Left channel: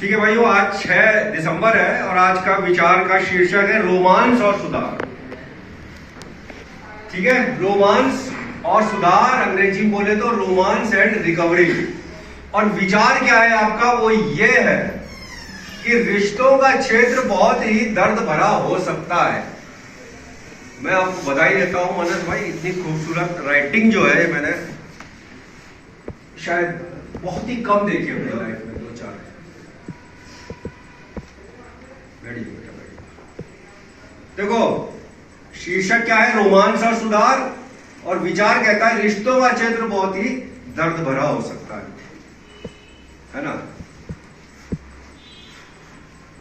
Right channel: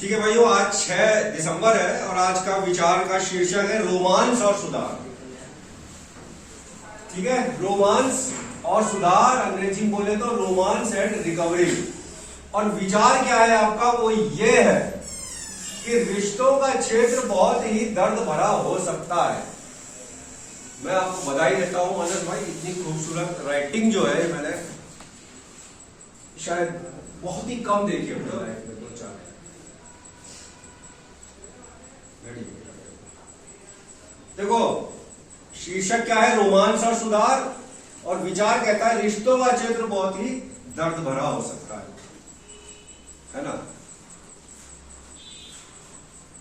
ठीक है भाइयों, आज 6 दिसंबर है और आज का विचार का शीर्षक है रोमांस और सुधार। ठीक है, रोमांस और सुधार, अंग्रेजी में बोले तो रोमांस एंड रिकवरी। और विचार क्या है आपका, वो ये है कि रिश्तों का क्षेत्र बहुत ही दर्द भरा हो सकता है। मैं आपको बधाई देता हूं मनस भाई, इतनी खूबसूरत राइटिंग जो है मैंने शायद बहुत ही कम देखी है अपनी लाइफ में, 2-4। Very good. देखो शीर्षक क्या है, रोमांस और सुधार, और विचार कहता है रिश्तों का क्षेत्र बहुत ही दर्द भरा हो सकता है ना।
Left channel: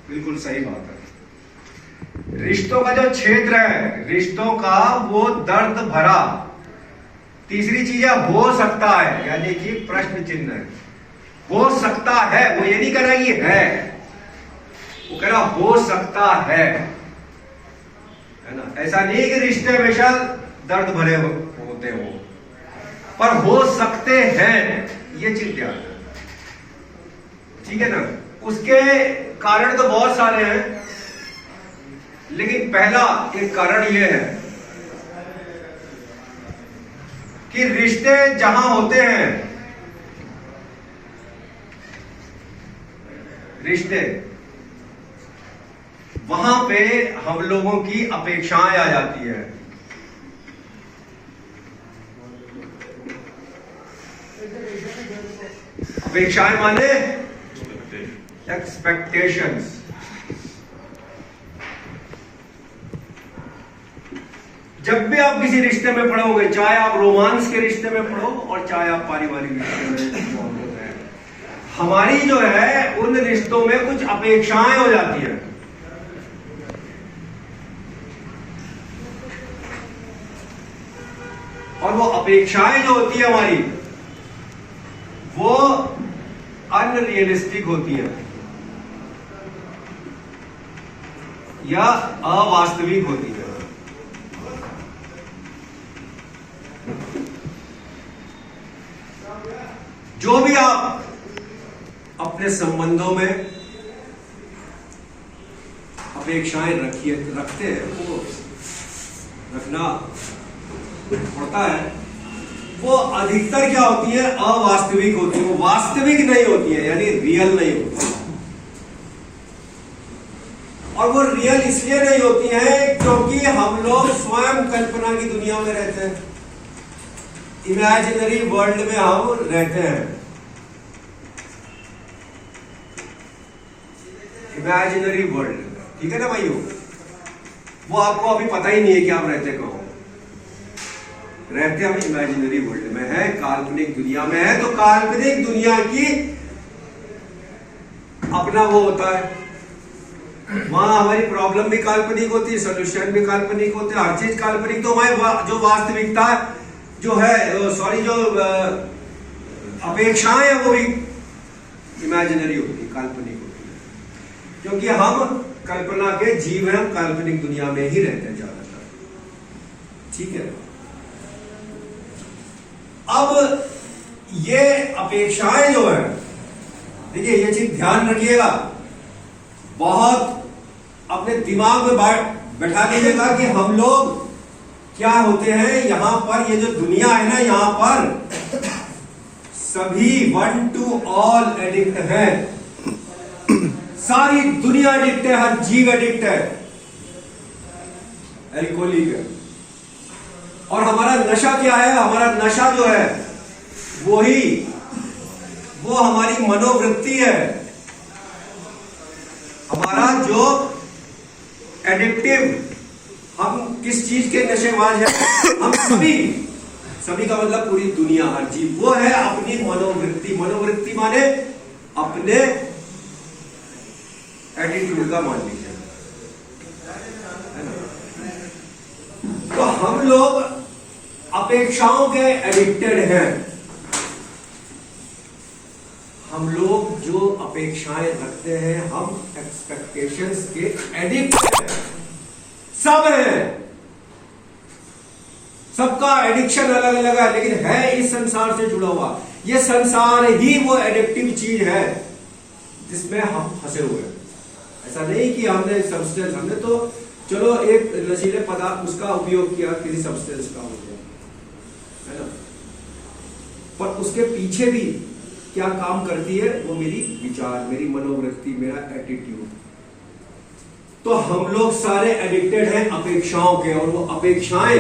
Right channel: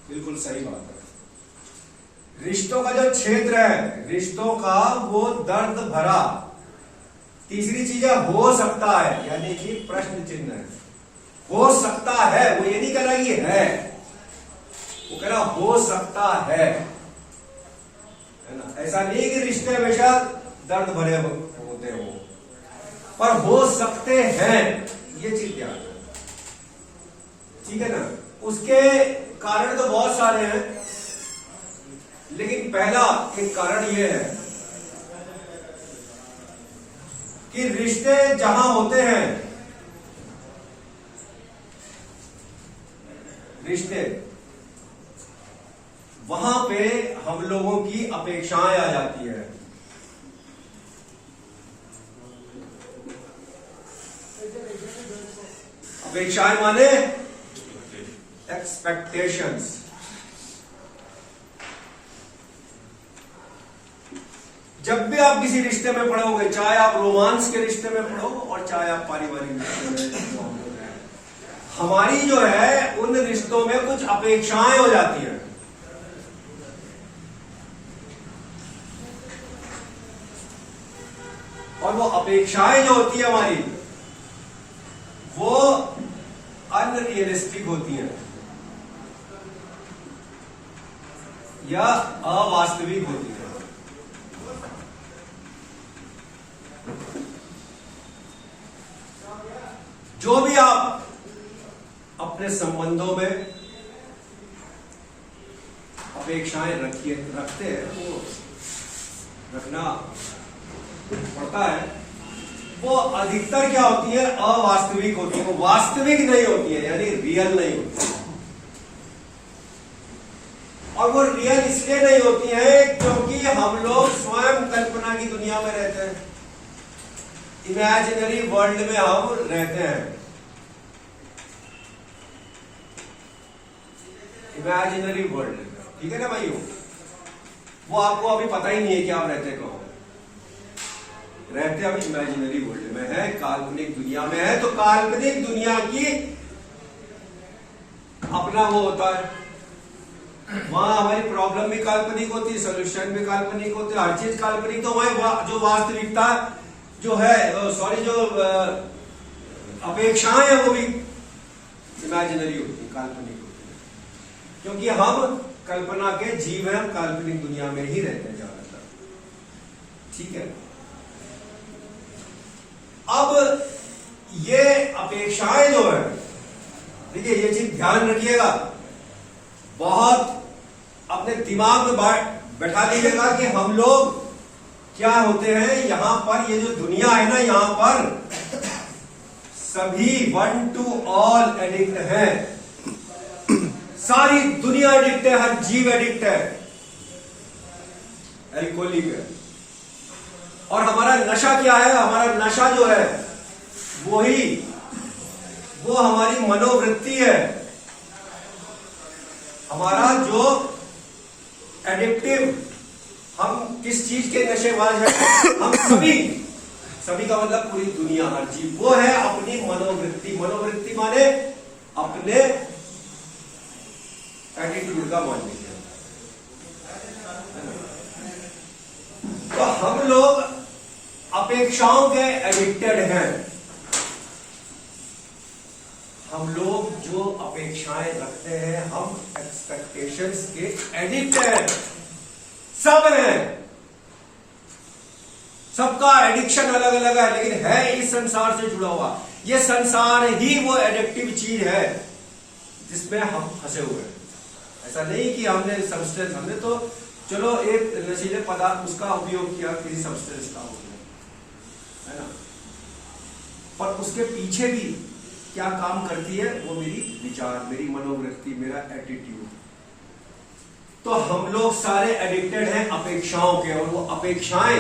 बिल्कुल सही बात है। रिश्तों का जो क्षेत्र है, रिश्तों का वो दर्द भरा। तीसरी चीज है हो सकता है, यानी कि प्रश्न चिन्ह है। हो सकता है, वो ये नहीं कह रहा ये है, वो कह रहा हो सकता है ना। ऐसा नहीं कि रिश्ते हमेशा दर्द भरे होते हो, पर हो सकते हैं, ये चीज ध्यान है। ठीक है ना। उसके कारण तो बहुत सारे हैं, लेकिन पहला एक कारण यह है कि रिश्ते जहां होते हैं, रिश्ते वहां पे हम लोगों की अपेक्षाएं आ जाती है। अपेक्षाएं माने एक्सपेक्टेशंस। जब भी आप किसी रिश्ते में पड़ोगे, चाहे आप रोमांस के रिश्ते में पड़ो और चाहे आप पारिवारिक रिश्ते में, हमारी जो है उन रिश्तों में कुछ अपेक्षाएं हो जाती हैं। और वो अपेक्षाएं जो होती है हमारी, वो अनरियलिस्टिक होती है या अवास्तविक होती है। जो भी आप अपने संबंधों में अपेक्षाएं रखते हैं, वो रखना पड़ता है, वो अधिकतर क्या होती है, अवास्तविक होती है। वो वास्तविक नहीं होती है, यानी रियल नहीं होती है। और वो रियल इसलिए नहीं होती है क्योंकि हम लोग स्वयं कल्पना की दुनिया में रहते हैं, इमेजिनरी वर्ल्ड में हम रहते हैं। इमेजिनरी वर्ल्ड में, ठीक है ना भाइयों। वो आपको अभी पता ही नहीं है कि आप रहते कहाँ रहते। हम इमेजिनरी वर्ल्ड में है, काल्पनिक दुनिया में है। तो काल्पनिक दुनिया की अपना वो होता है, वहां हमारी प्रॉब्लम भी काल्पनिक होती है, सोल्यूशन भी काल्पनिक होते हैं, हर चीज काल्पनिक। तो हमारी जो वास्तविकता जो है, सॉरी, जो अपेक्षाएं है वो भी इमेजिनरी होती है, काल्पनिक होती है, क्योंकि हम कल्पना के जीव हैं, हम काल्पनिक दुनिया में ही रहते हैं ज्यादातर। ठीक है। अब ये अपेक्षाएं जो है, देखिए ये चीज ध्यान रखिएगा, बहुत अपने दिमाग में बैठा लीजिएगा कि हम लोग क्या होते हैं यहां पर। ये जो दुनिया है ना, यहां पर सभी 1 to all एडिक्ट है। सारी दुनिया एडिक्ट है, हर जीव एडिक्ट है, एल्कोहलिक है। और हमारा नशा क्या है, हमारा नशा जो है वो हमारी मनोवृत्ति है। हमारा जो एडिक्टिव, हम किस चीज के नशेबाज हैं, हम सभी का मतलब पूरी दुनिया, हर जीव, वो है अपनी मनोवृत्ति। मनोवृत्ति माने अपने एटीट्यूड का मान लीजिए, है ना। तो हम लोग अपेक्षाओं के एडिक्टेड हैं। हम लोग जो अपेक्षाएं रखते हैं, हम एक्सपेक्टेशंस के एडिक्ट हैं। सब हैं, सबका एडिक्शन अलग अलग है, लेकिन है इस संसार से जुड़ा हुआ। ये संसार ही वो एडिक्टिव चीज है जिसमें हम फंसे हुए हैं। ऐसा नहीं कि हमने सब्सटेंस, हमने तो चलो एक नशीले पदार्थ उसका उपयोग किया, किसी सब्सटेंस का हो गया, है ना, पर उसके पीछे भी क्या काम करती है, वो मेरी विचार, मेरी मनोवृत्ति, मेरा एटीट्यूड। तो हम लोग सारे एडिक्टेड हैं अपेक्षाओं के, और वो अपेक्षाएं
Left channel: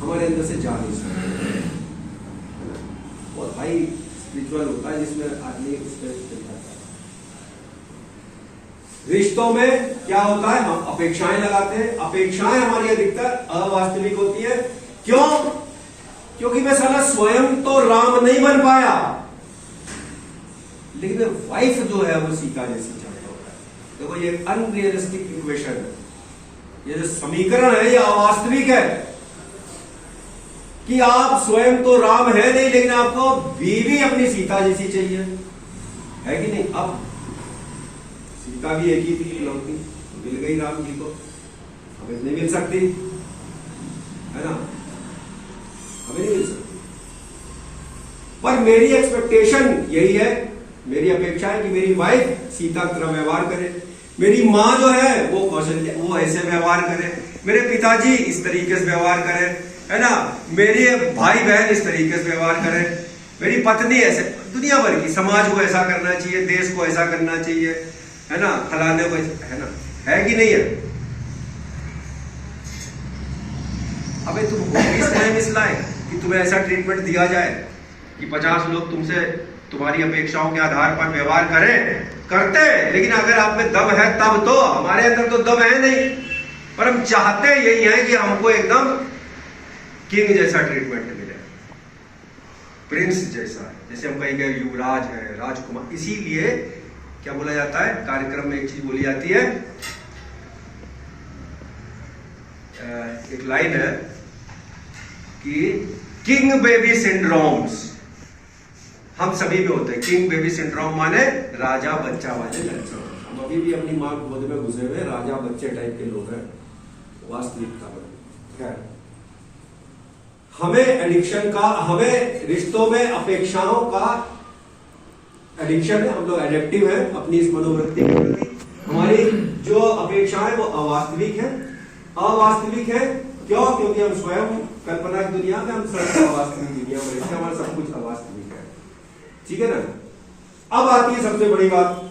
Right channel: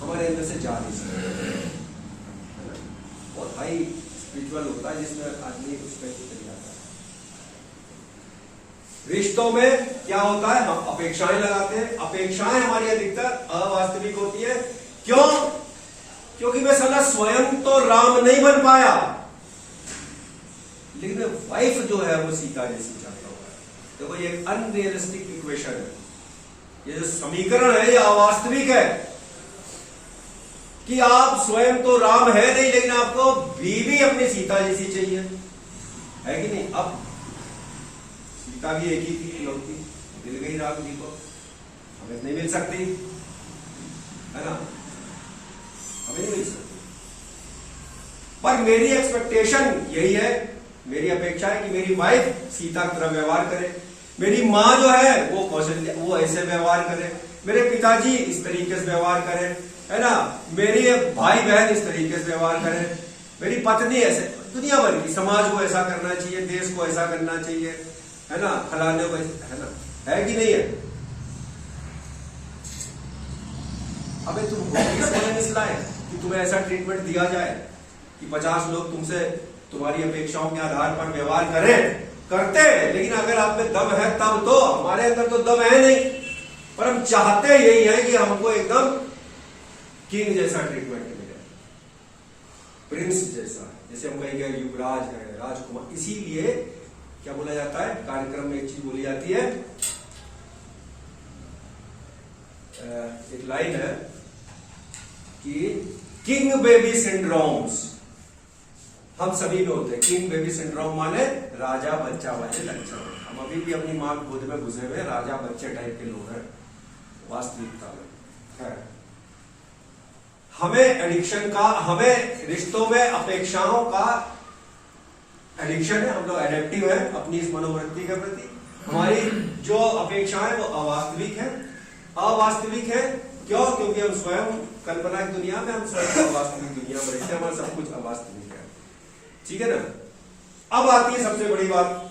हमारे अंदर से जा नहीं सकती। बहुत हाई स्पिरिचुअल होता है जिसमें आदमी उस पर चल जाता है। रिश्तों में क्या होता है, हम अपेक्षाएं लगाते हैं। अपेक्षाएं हमारी अधिकतर अवास्तविक होती है। क्यों? क्योंकि मैं साला स्वयं तो राम नहीं बन पाया, लेकिन वाइफ जो है वो सीता जैसी चाहता हूं। देखो ये अनरियलिस्टिक इक्वेशन है, ये जो समीकरण है ये अवास्तविक है कि आप स्वयं तो राम है नहीं, लेकिन आपको बीवी अपनी सीता जैसी चाहिए, है कि नहीं? अब सीता भी एक ही थी, लौटी मिल गई राम जी को, हमें नहीं मिल सकती, है ना, हमें नहीं मिल सकती। पर मेरी एक्सपेक्टेशन यही है, मेरी अपेक्षा है कि मेरी वाइफ सीता की तरह व्यवहार करे, मेरी माँ जो है वो कौशल, वो ऐसे व्यवहार करे, मेरे पिताजी इस तरीके से व्यवहार करे, है ना, मेरे भाई बहन इस तरीके से व्यवहार करे, मेरी पत्नी ऐसे, दुनिया भर की, समाज को ऐसा करना चाहिए, देश को ऐसा करना चाहिए, है ना, फलाने को, है ना, है कि नहीं है? अबे तुम हो इस लायक कि तुम्हें ऐसा ट्रीटमेंट दिया जाए कि 50 लोग तुमसे तुम्हारी अपेक्षाओं के आधार पर व्यवहार करते, लेकिन अगर आप में दम है तब तो, हमारे अंदर तो दम है नहीं, पर हम चाहते यही है कि हमको एकदम किंग जैसा ट्रीटमेंट मिले, प्रिंस जैसा, जैसे हम कहीं गए युवराज है, राजकुमार। इसीलिए क्या बोला जाता है, कार्यक्रम में एक चीज बोली जाती है, एक लाइन है कि किंग बेबी सिंड्रोम्स हम सभी में होते हैं। किंग बेबी सिंड्रोम माने राजा बच्चा वाले लक्षण। हम अभी भी अपनी मां गोद में घुसे हुए राजा बच्चे टाइप के लोग हैं वास्तविकता में। हमें एडिक्शन का, हमें रिश्तों में अपेक्षाओं का एडिक्शन है, हम लोग एडेप्टिव है अपनी इस मनोवृत्ति के प्रति। हमारी जो अपेक्षाएं वो अवास्तविक है, अवास्तविक है। क्यों? क्योंकि हम स्वयं कल्पना की दुनिया में, हम स्वयं अवास्तविक दुनिया में, इसलिए हमारा सब कुछ अवास्तविक है। ठीक है ना? अब आती है सबसे बड़ी बात,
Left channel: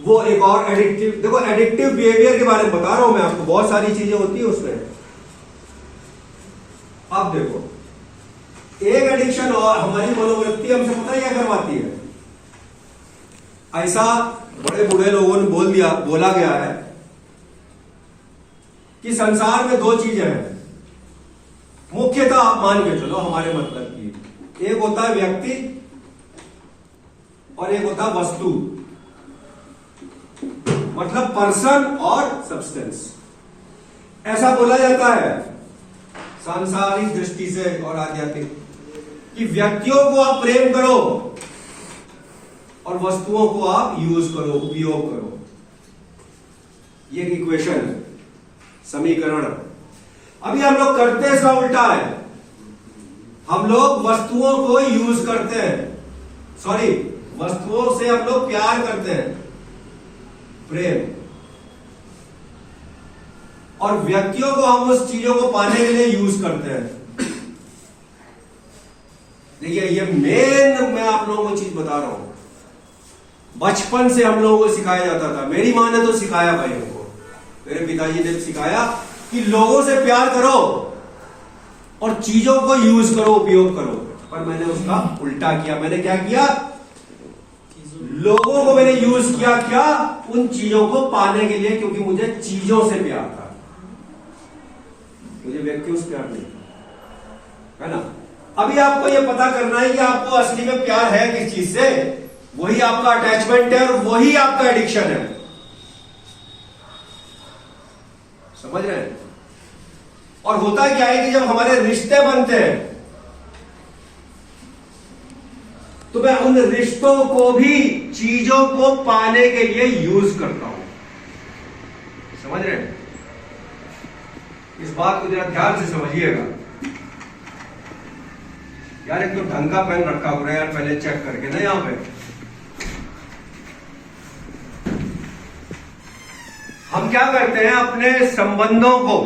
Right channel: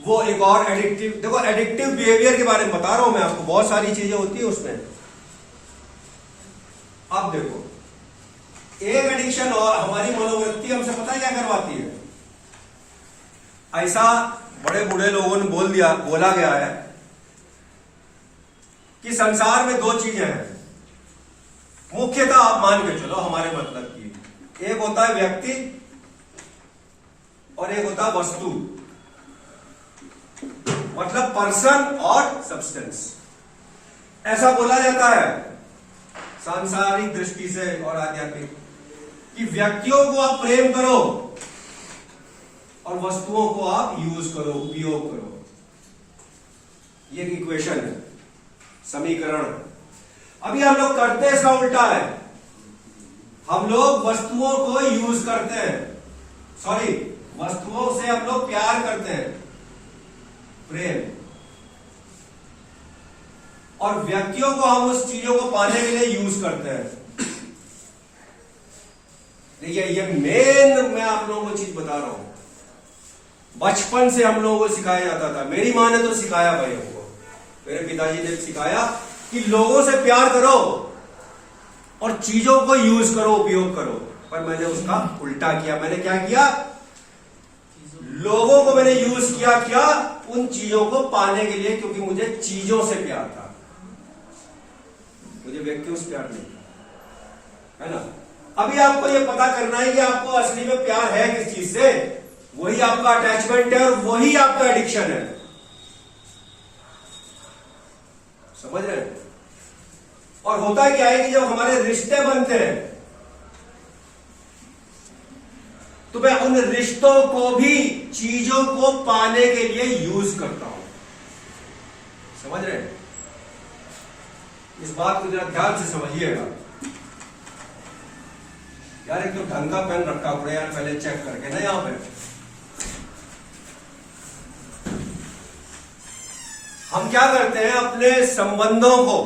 वो एक और एडिक्टिव, देखो एडिक्टिव बिहेवियर के बारे में बता रहा हूं मैं आपको, बहुत सारी चीजें होती है उसमें। अब देखो, एक एडिक्शन और हमारी मनोवृत्ति हमसे पता क्या करवाती है। ऐसा बड़े बूढ़े लोगों ने बोला गया है कि संसार में दो चीजें हैं, मुख्यतः आप मान के चलो हमारे मतलब की। एक होता है व्यक्ति और एक होता है वस्तु, मतलब पर्सन और सब्सटेंस। ऐसा बोला जाता है सांसारिक दृष्टि से और आध्यात्मिक कि व्यक्तियों को आप प्रेम करो और वस्तुओं को आप यूज करो, उपयोग करो। ये एक इक्वेशन है, समीकरण। अभी हम लोग करते हैं इसका उल्टा है, हम लोग वस्तुओं को यूज करते हैं, सॉरी वस्तुओं से हम लोग प्यार करते हैं, प्रेम, और व्यक्तियों को हम उस चीजों को पाने के लिए यूज करते हैं। देखिए ये मेन मैं आप लोगों को चीज बता रहा हूं, बचपन से हम लोगों को सिखाया जाता था। मेरी मां ने तो सिखाया भाई हमको, मेरे पिताजी ने सिखाया कि लोगों से प्यार करो और चीजों को यूज करो, उपयोग करो। पर मैंने उसका उल्टा किया। मैंने क्या किया? लोगों को मैंने यूज किया, क्या? उन चीजों को पाने के लिए, क्योंकि मुझे चीजों से प्यार था, मुझे व्यक्तियों से प्यार नहीं, है ना। अभी आपको यह पता करना है कि आपको असली में प्यार है किस चीज से, वही आपका अटैचमेंट है और वही आपका एडिक्शन है। समझ रहे हैं? और होता क्या है कि जब हमारे रिश्ते बनते हैं तो मैं उन रिश्तों को भी चीजों को पाने के लिए यूज करता हूं। समझ रहे हैं? इस बात को जरा ध्यान से समझिएगा। यार एक तो ढंग का पेन रखा हुआ है यार, पहले चेक करके ना यहाँ पे। हम क्या करते हैं, अपने संबंधों को,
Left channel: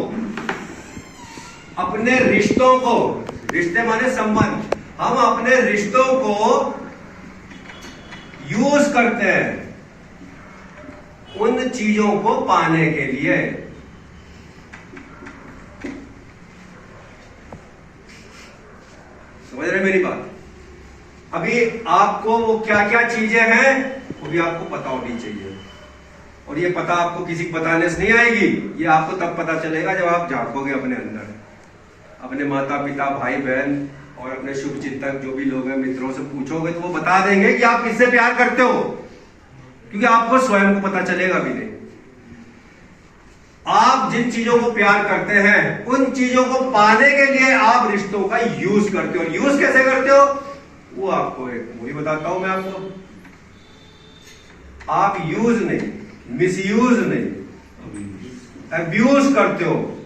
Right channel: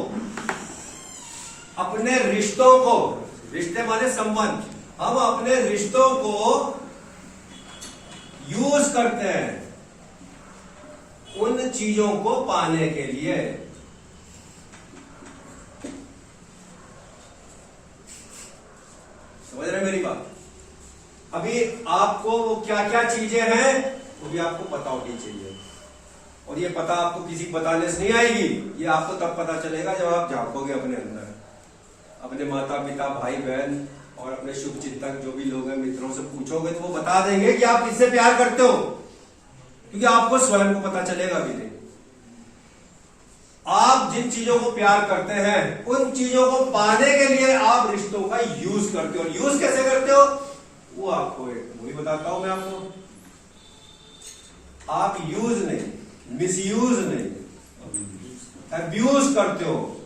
अपने रिश्तों को, रिश्ते माने संबंध, हम अपने रिश्तों को यूज करते हैं उन चीजों को पाने के लिए। समझ रहे मेरी बात? अभी आपको वो क्या क्या चीजें हैं वो भी आपको पता होनी चाहिए, और ये पता आपको किसी को बताने से नहीं आएगी, ये आपको तब पता चलेगा जब आप झांकोगे अपने अंदर, अपने माता पिता भाई बहन और अपने शुभ चिंतक जो भी लोग हैं मित्रों से पूछोगे तो वो बता देंगे कि आप किससे प्यार करते हो, क्योंकि आपको स्वयं को पता चलेगा भी नहीं। आप जिन चीजों को प्यार करते हैं उन चीजों को पाने के लिए आप रिश्तों का यूज करते हो। यूज कैसे करते हो वो आपको एक वही बताता हूं मैं आपको। आप यूज नहीं, मिसयूज नहीं, अब्यूज करते हो,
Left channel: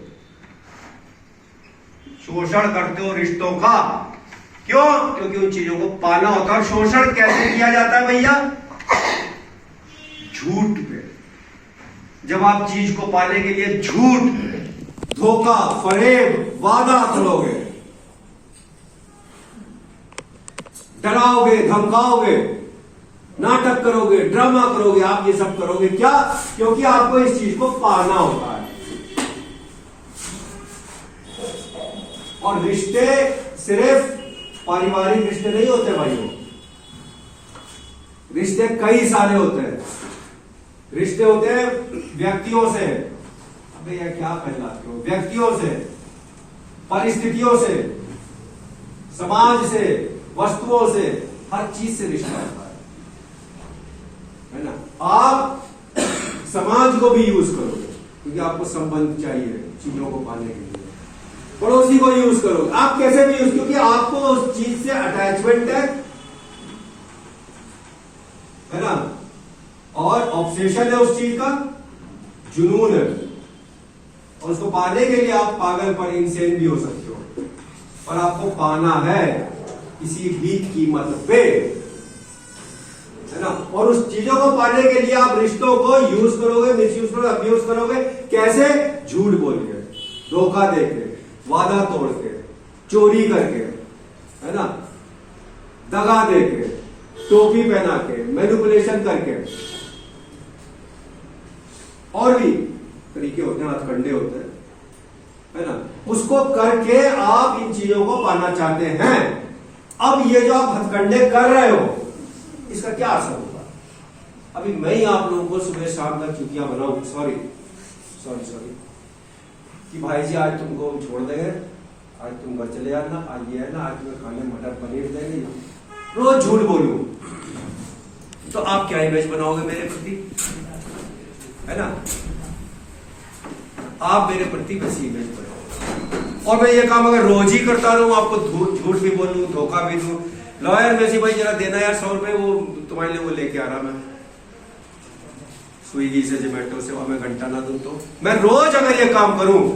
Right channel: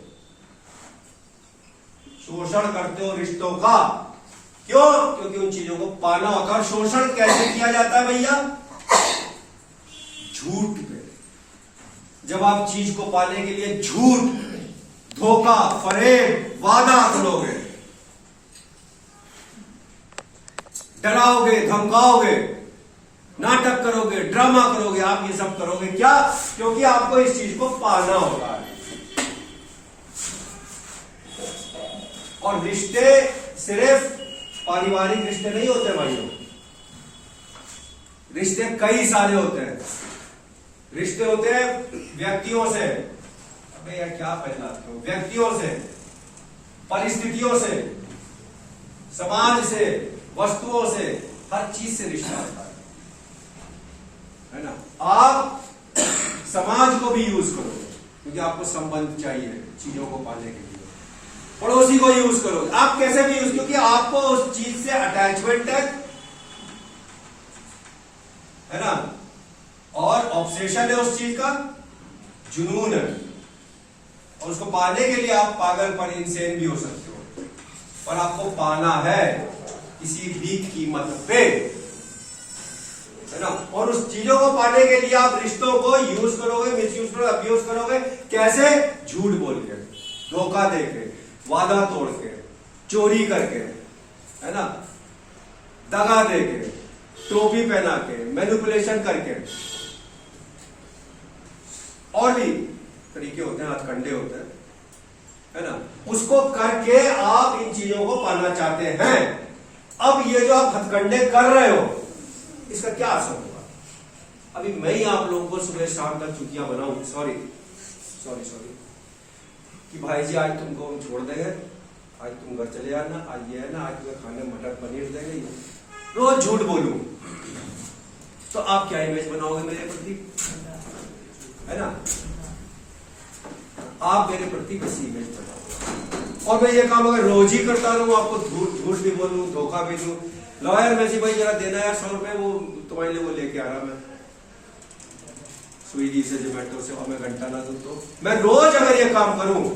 शोषण करते हो रिश्तों का। क्यों? क्योंकि उन चीजों को पाना होता है। और शोषण कैसे किया जाता है भैया? झूठ पे। जब आप चीज को पाने के लिए झूठ, धोखा, फरेब, वादा करोगे, डराओगे, धमकाओगे, नाटक करोगे, ड्रामा करोगे, आप ये सब करोगे क्या? क्योंकि आपको इस चीज को पाना होता है। और रिश्ते सिर्फ पारिवारिक रिश्ते नहीं होते भाइयों, रिश्ते कई सारे होते हैं। रिश्ते होते हैं व्यक्तियों से, अबे यार क्या पहलाते हो, व्यक्तियों से, परिस्थितियों से, समाज से, वस्तुओं से, हर चीज से रिश्ता होता है ना। आप समाज को भी यूज करोगे क्योंकि आपको संबंध चाहिए चीजों को पाने के लिए। पड़ोसी को यूज करोगे, आप कैसे भी यूज, क्योंकि आपको उस चीज से अटैचमेंट है ना, और ऑब्सेशन है उस चीज का, जुनून है, और उसको पाने के लिए आप पागलपन, इंसेन भी हो सकते हो, और आपको पाना है किसी भी कीमत पे, है ना। और उस चीजों को पाने के लिए आप रिश्तों को यूज करोगे, मिसयूज करोगे, अब्यूज करोगे। कैसे? झूठ बोल के, धोखा दे के, वादा तोड़ के, चोरी करके, है ना, दगा दे के, टोपी पहना के, मैनिपुलेशन करके, और भी तरीके होते हैं, हथकंडे होते हैं, है ना। उसको करके आप इन चीजों को पाना चाहते हैं। अब ये जो आप हथकंडे कर रहे हो इसका क्या असर होगा? अभी मैं ही आप लोगों को सुबह शाम तक छुट्टियां बनाऊं, सॉरी कि भाई जी आज तुमको हम छोड़ देंगे, आज तुम घर चले जाना, आज ये है ना, आज मैं खाने मटर पनीर देंगे, रोज झूठ बोलूं, तो आप क्या इमेज बनाओगे मेरे प्रति, है ना। आप मेरे प्रति कैसी इमेज बनाओगे? और मैं ये काम अगर रोज ही करता रहूं, आपको झूठ भी बोलूं, धोखा भी दूं, लॉयर में से भाई जरा देना यार 100 रुपए, वो तुम्हारे लिए वो लेके आ रहा मैं स्विगी से, जोमेटो से, और मैं घंटा ना दूं, तो मैं रोज अगर ये काम करूं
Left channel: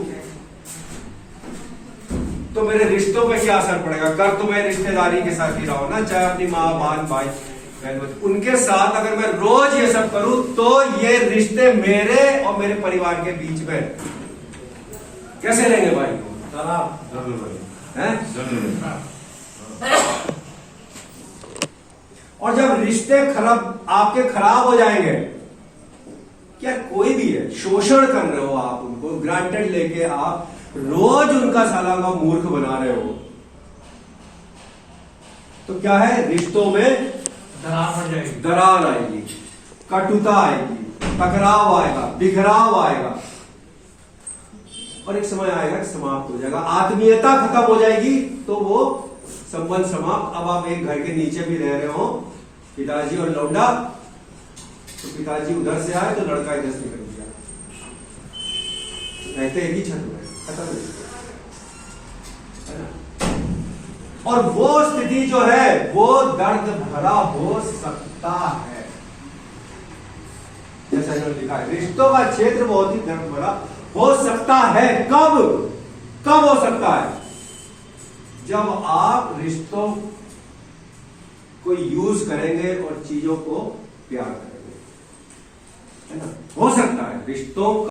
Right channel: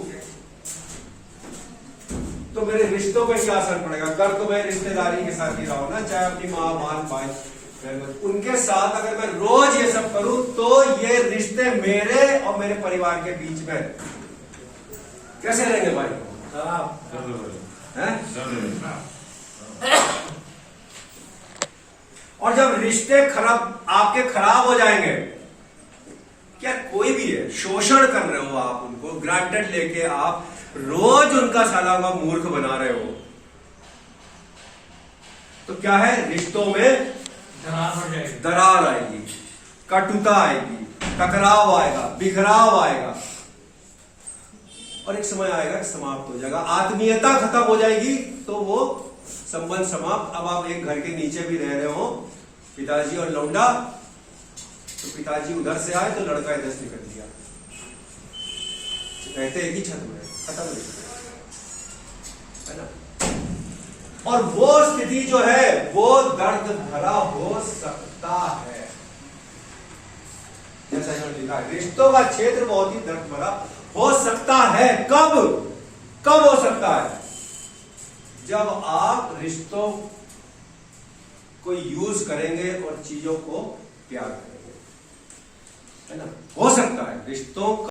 तो मेरे रिश्तों पे क्या असर पड़ेगा? कर तो मैं रिश्तेदारी के साथ ही रहा हूं ना, चाहे अपनी माँ, बहन, भाई, उनके साथ अगर मैं रोज ये सब करूं तो ये रिश्ते मेरे और मेरे परिवार के बीच में कैसे रहेंगे भाई? और जब रिश्ते खराब आपके खराब हो जाएंगे, क्या कोई भी है, शोषण कर रहे हो आप उनको, ग्रांटेड लेके आप रोज उनका साला का मूर्ख बना रहे हो, तो क्या है, रिश्तों में दरार आएगी, कटुता आएगी, टकराव आएगा, बिखराव आएगा, और एक समय आएगा समाप्त हो जाएगा, आत्मीयता खत्म हो जाएगी, तो वो संबंध समाप्त। अब आप एक घर के नीचे भी रह रहे हो, पिताजी और लौंडा, तो पिताजी उधर से आए तो लड़का इधर से निकल गया, रहते एक ही छत में, खत्म हो गया, है ना। और वो स्थिति जो है वो दर्द भरा हो सकता है, जैसा इन्होंने लिखा है, रिश्तों का क्षेत्र बहुत ही दर्द भरा हो सकता है। कब हो सकता है? जब आप रिश्तों को यूज करेंगे और चीजों को प्यार करेंगे, है ना। हो सकता है रिश्तों